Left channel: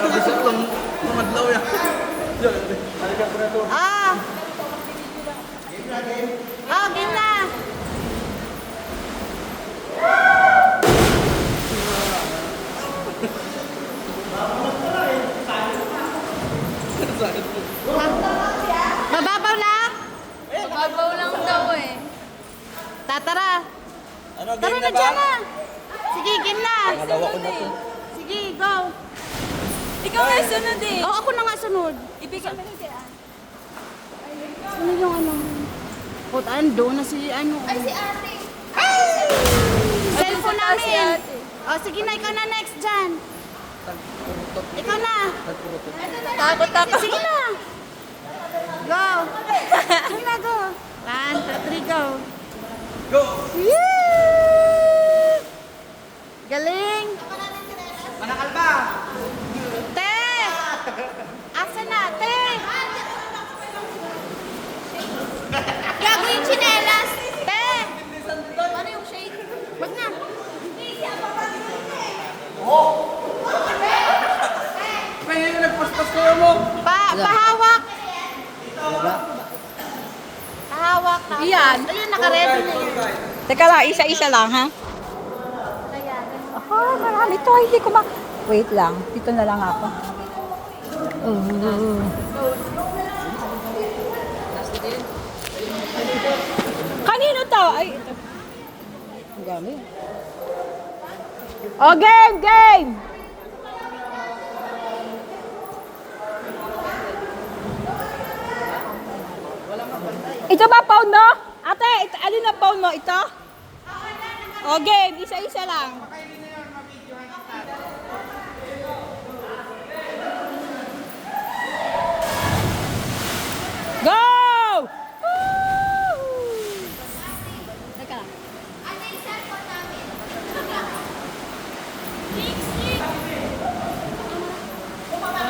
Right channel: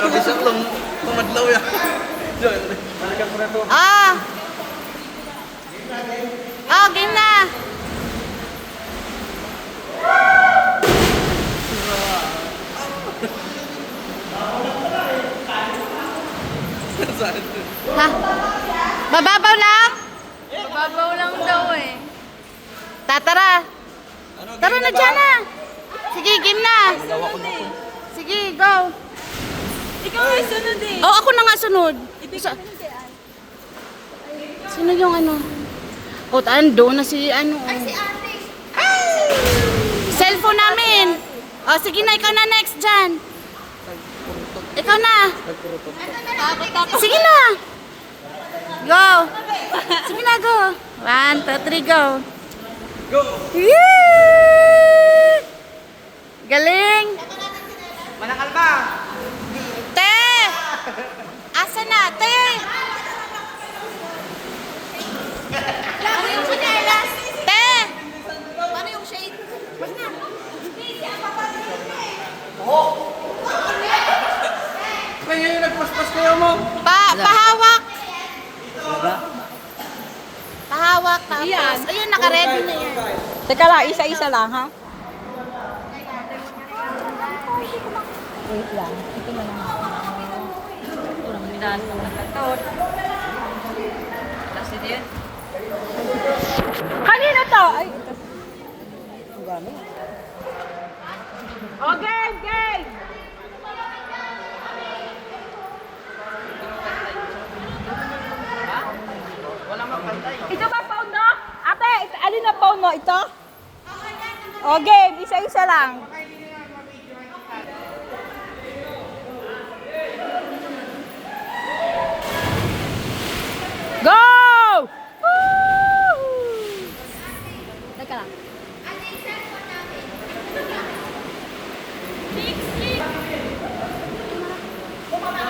Grabe siya itong pumadlaw yan. Ah! Ah, game na! Ha? Mababaw lang? Mababaw lang daw eh. Tatara! Tara na dyan na! Sige, game na! Sunod eh. Sige, go! Ikaw ay sunod eh. Oh, ako na nga sunod. Ibig sabihin kay Ann. Sino yung ano? O, ando na si ano. Si ate. Cellphone namin. O, sige na, ikaw na next dyan. Ikaw na. Takot ako. Sige na. Go. Sige na, go. 1, 2, 3, go. Go! Yee! Galing. Manakal ba? Te! Asa na, te? Lagi yung chinelas. Te! Ano yung shade? Wag niya. Hindi, siya papagod eh. Kaya yung nagpuspas ko mo. Pahawak. Wala. Pahawak. Iyan. Ayun, naka-ready na yan. Teka lang, isa-isa lang, ha? Ah, marami to. Hindi ko mak... Wait lang. Dito na lang ako. Kanino to? Ay, ito. Ang gano'n. Oh, game! Game! Ito ba phone mo? Ate, alin na phone mo? Ito? O game, isa-isa lang.